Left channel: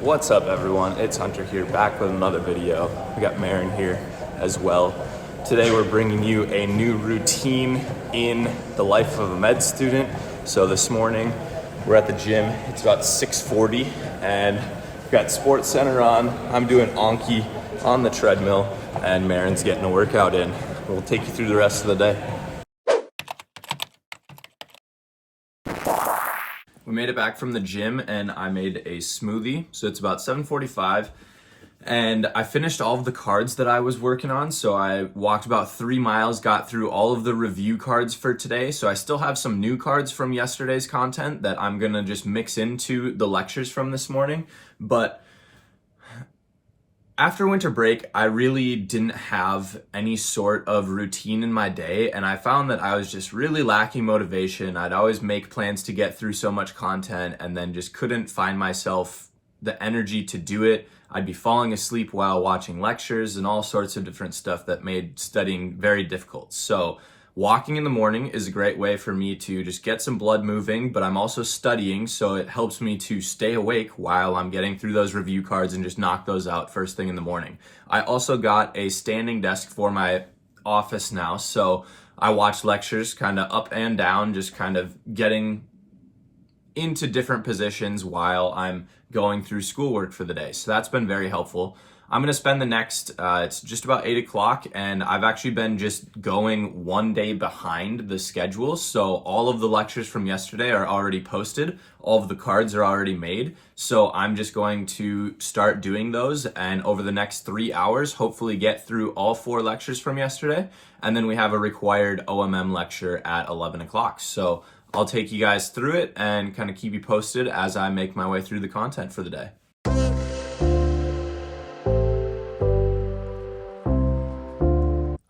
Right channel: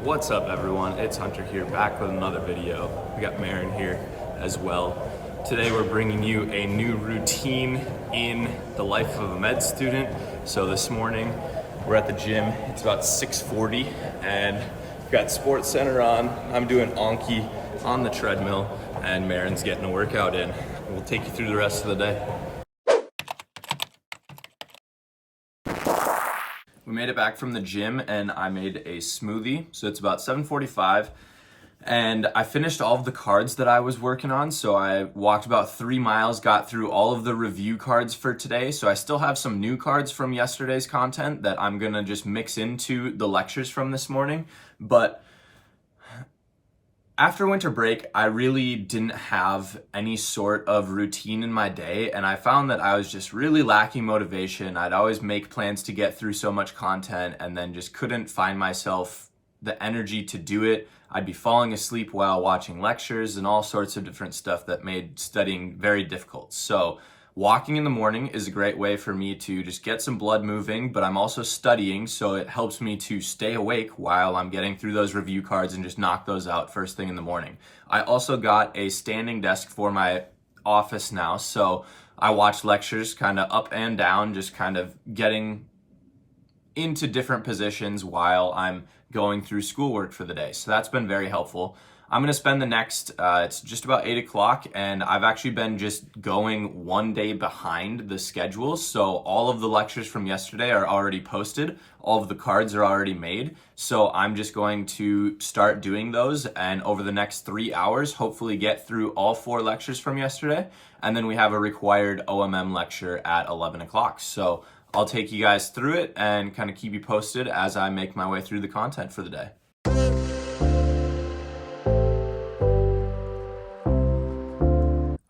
What's up everyone, it's Hunter here, back with another video. We got Marin here as well. Today we're bringing you a new routine in the life of a med student. So this morning we're at the gym, it's about 6:40 and we've got Sports Center on. I'm doing Anki on the treadmill and Marin's getting a workout in. We'll take you through the rest of the day. We made it back from the gym and I made a smoothie. So it's about 7:45 and I finished all of the cards that I was working on. So I walked about 3 miles, got through all of the review cards for today. So I still have some new cards from yesterday's content that I'm gonna just mix into the lectures from this morning. But after winter break, I really didn't have any sort of routine in my day, and I found that I was just really lacking motivation. I'd always make plans to get through so much content and then just couldn't find myself the energy to do it. I'd be falling asleep while watching lectures and all sorts of different stuff that made studying very difficult. So walking in the morning is a great way for me to just get some blood moving, but I'm also studying, so it helps me to stay awake while I'm getting through those review cards and just knock those out first thing in the morning. I also got a standing desk for my office now, so I watch lectures kind of up and down, just kind of getting into different positions while I'm going through schoolwork for the day. So that's been very helpful. I'm gonna spend the next, it's just about 8 o'clock and I've actually been just going one day behind the schedule. So all of the lectures from yesterday are already posted. All of the cards are already made. So I'm just going to start doing those and over the next 3 hours, hopefully get through all 4 lectures from yesterday. And then we have a required OMM lecture at 11 o'clock. So I'll take you guys through it and kind of keep you posted as I make my way through the content for the day.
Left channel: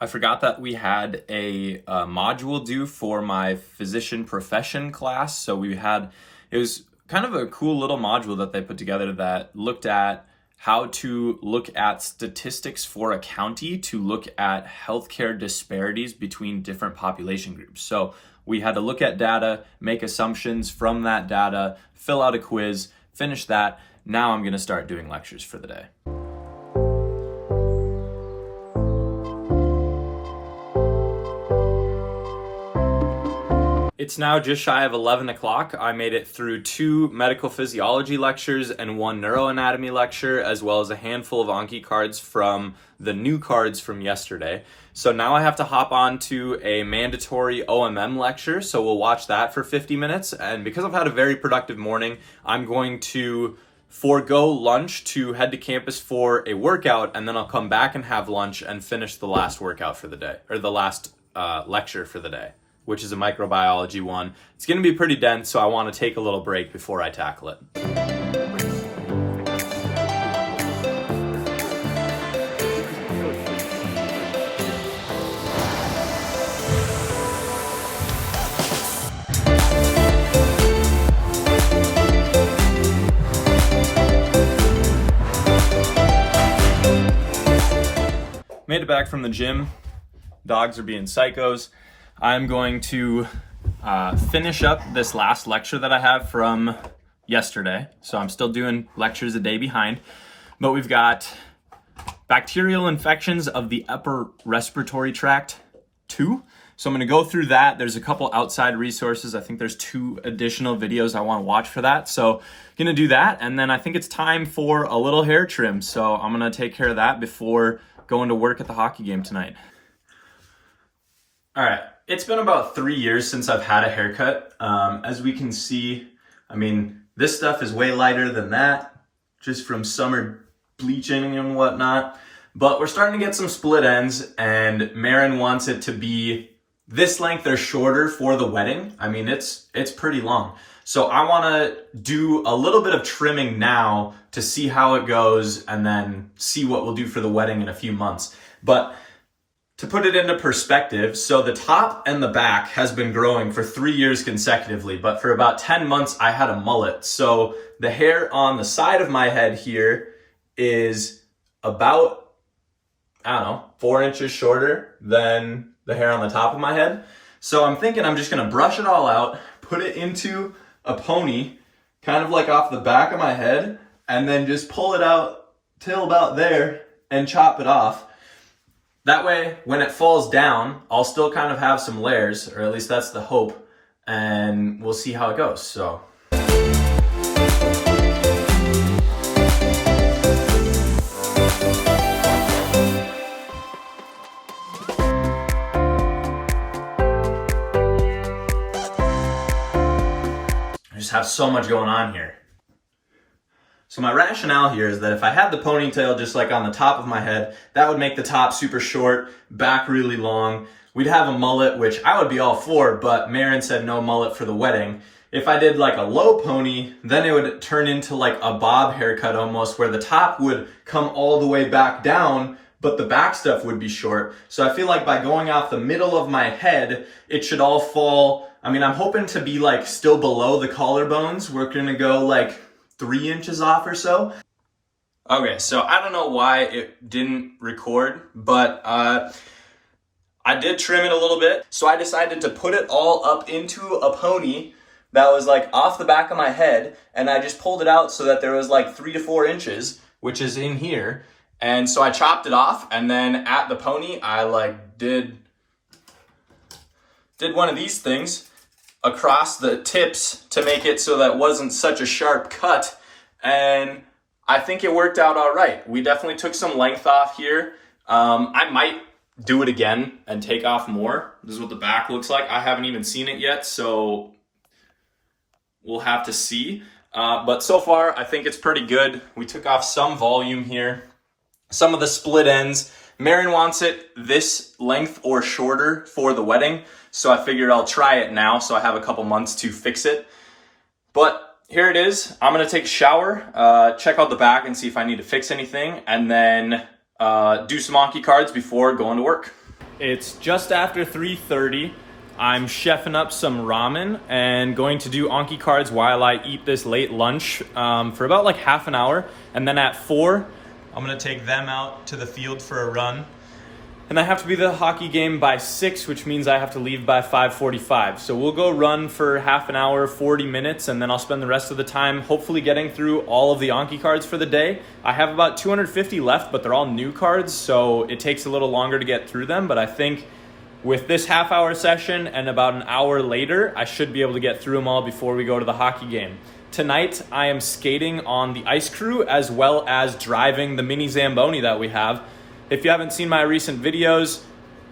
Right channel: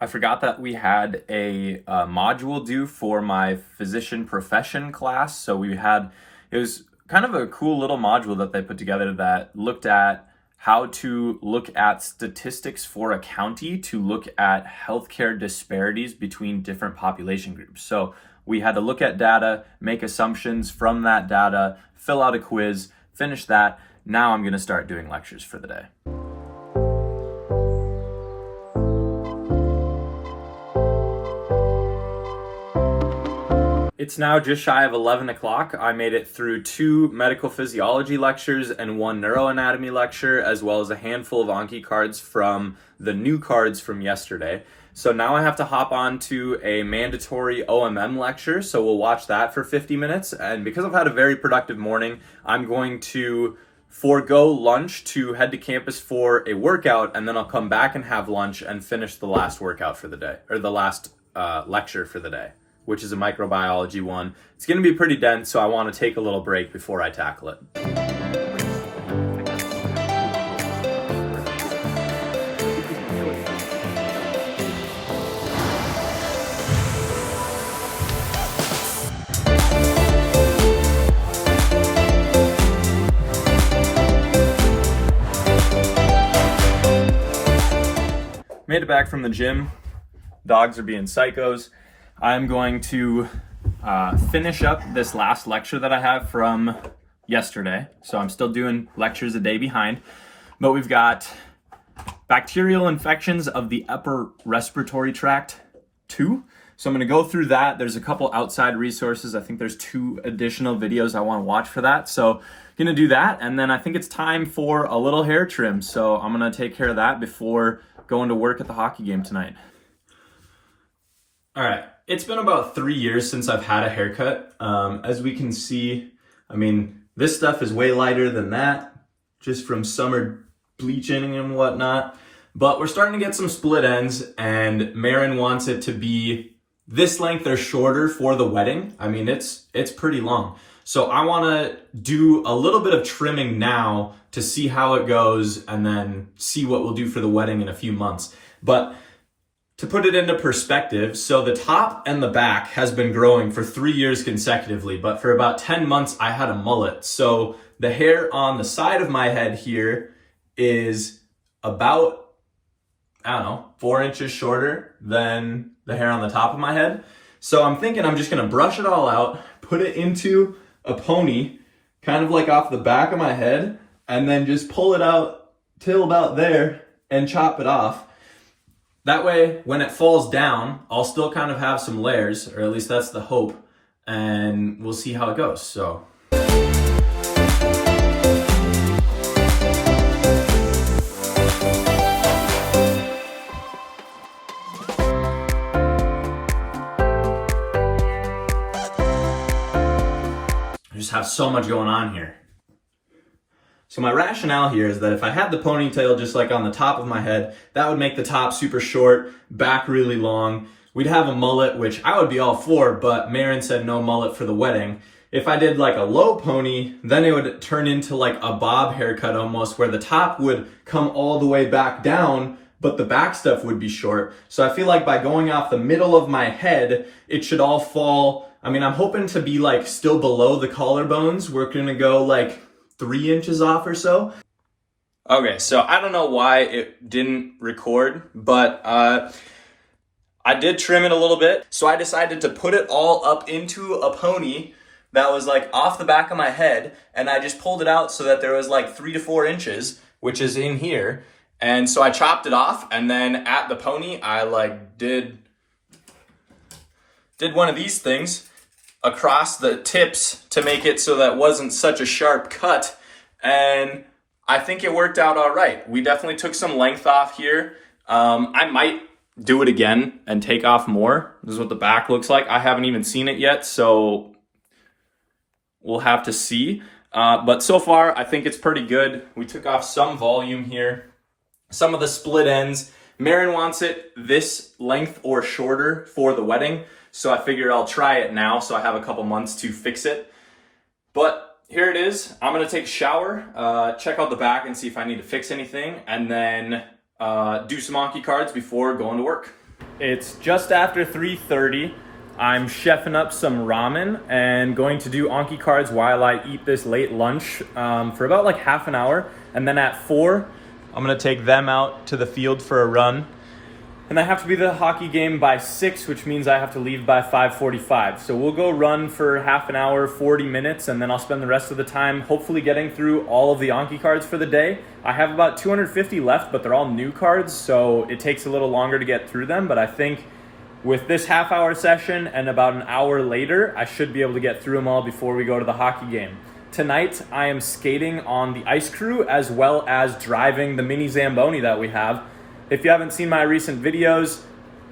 I forgot that we had a module due for my physician profession class. So it was kind of a cool little module that they put together that looked at how to look at statistics for a county to look at healthcare disparities between different population groups. So we had to look at data, make assumptions from that data, fill out a quiz, finish that. Now I'm gonna start doing lectures for the day. It's now just shy of 11 o'clock. I made it through 2 medical physiology lectures and 1 neuroanatomy lecture, as well as a handful of Anki cards from the new cards from yesterday. So now I have to hop on to a mandatory OMM lecture. So we'll watch that for 50 minutes. And because I've had a very productive morning, I'm going to forego lunch to head to campus for a workout. And then I'll come back and have lunch and finish the last workout for the day, or the last lecture for the day, which is a microbiology one. It's gonna be pretty dense, so I wanna take a little break before I tackle it. Made it back from the gym. Dogs are being psychos. I'm going to finish up this last lecture that I have from yesterday. So I'm still doing lectures a day behind, but we've got bacterial infections of the upper respiratory tract 2. So I'm gonna go through that. There's a couple outside resources. I think there's 2 additional videos I wanna watch for that. So gonna do that. And then I think it's time for a little hair trim. So I'm gonna take care of that before going to work at the hockey game tonight. All right. It's been about 3 years since I've had a haircut. As we can see, I mean, this stuff is way lighter than that, just from summer bleaching and whatnot. But we're starting to get some split ends, and Marin wants it to be this length or shorter for the wedding. I mean, it's pretty long. So I want to do a little bit of trimming now to see how it goes, and then see what we'll do for the wedding in a few months. But to put it into perspective, so the top and the back has been growing for 3 years consecutively, but for about 10 months, I had a mullet. So the hair on the side of my head here is about, 4 inches shorter than the hair on the top of my head. So I'm thinking I'm just gonna brush it all out, put it into a pony, kind of like off the back of my head, and then just pull it out till about there and chop it off. That way, when it falls down, I'll still kind of have some layers, or at least that's the hope, and we'll see how it goes. So. I just have so much going on here. So my rationale here is that if I had the ponytail just like on the top of my head, that would make the top super short, back really long. We'd have a mullet, which I would be all for, but Marin said no mullet for the wedding. If I did like a low pony, then it would turn into like a bob haircut almost, where the top would come all the way back down, but the back stuff would be short. So I feel like by going off the middle of my head, it should all fall. I mean, I'm hoping to be like still below the collarbones. We're gonna go like 3 inches off or so. Okay, so I don't know why it didn't record, but I did trim it a little bit. So I decided to put it all up into a pony that was like off the back of my head, and I just pulled it out so that there was like 3 to 4 inches, which is in here. And so I chopped it off, and then at the pony, I like did one of these things across the tips to make it so that wasn't such a sharp cut, and I think it worked out all right. We definitely took some length off here. I might do it again and take off more. This is what the back looks like. I haven't even seen it yet, so we'll have to see. But so far, I think it's pretty good. We took off some volume here. Some of the split ends. Marin wants it this length or shorter for the wedding, so I figured I'll try it now so I have a couple months to fix it. But here it is. I'm gonna take a shower, check out the back and see if I need to fix anything, and then do some Anki cards before going to work. It's just after 3:30. I'm chefing up some ramen and going to do Anki cards while I eat this late lunch for about like half an hour. And then at 4, I'm gonna take them out to the field for a run. And I have to be at the hockey game by 6, which means I have to leave by 5:45. So we'll go run for half an hour, 40 minutes, and then I'll spend the rest of the time hopefully getting through all of the Anki cards for the day. I have about 250 left, but they're all new cards, so it takes a little longer to get through them. But I think with this half-hour session and about an hour later, I should be able to get through them all before we go to the hockey game. Tonight, I am skating on the ice crew as well as driving the mini Zamboni that we have. If you haven't seen my recent videos,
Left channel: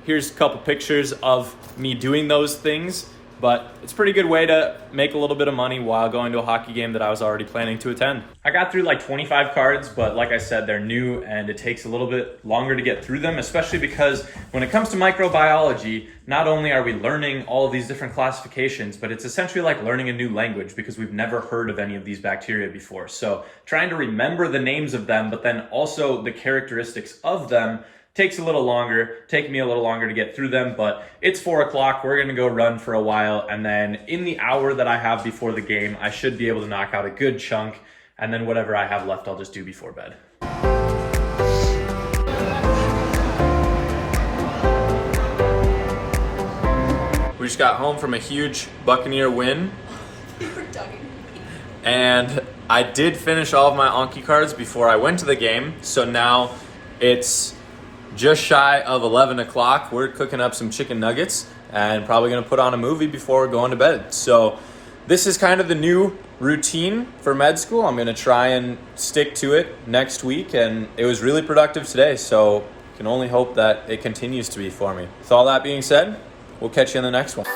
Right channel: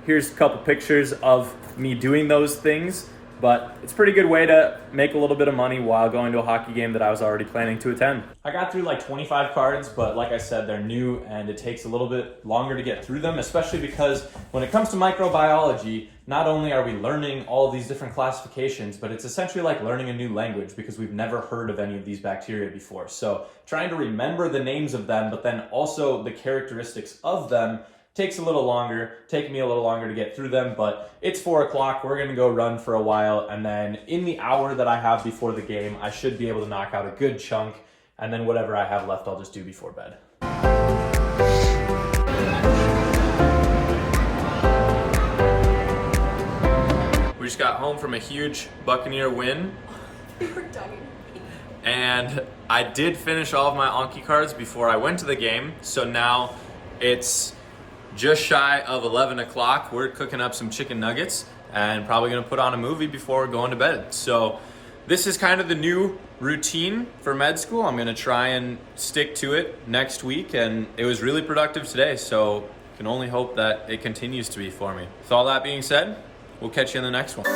here's a couple pictures of me doing those things, but it's a pretty good way to make a little bit of money while going to a hockey game that I was already planning to attend. I got through like 25 cards, but like I said, they're new and it takes a little bit longer to get through them, especially because when it comes to microbiology, not only are we learning all of these different classifications, but it's essentially like learning a new language because we've never heard of any of these bacteria before. So trying to remember the names of them, but then also the characteristics of them takes a little longer, take me a little longer to get through them, but it's 4 o'clock. We're gonna go run for a while, and then in the hour that I have before the game, I should be able to knock out a good chunk, and then whatever I have left, I'll just do before bed. We just got home from a huge Buccaneer win, and I did finish all of my Anki cards before I went to the game, so now it's just shy of 11 o'clock. We're cooking up some chicken nuggets and probably gonna put on a movie before going to bed. So this is kind of the new routine for med school. I'm gonna try and stick to it next week, and it was really productive today, so can only hope that it continues to be for me. With all that being said, we'll catch you in the next one.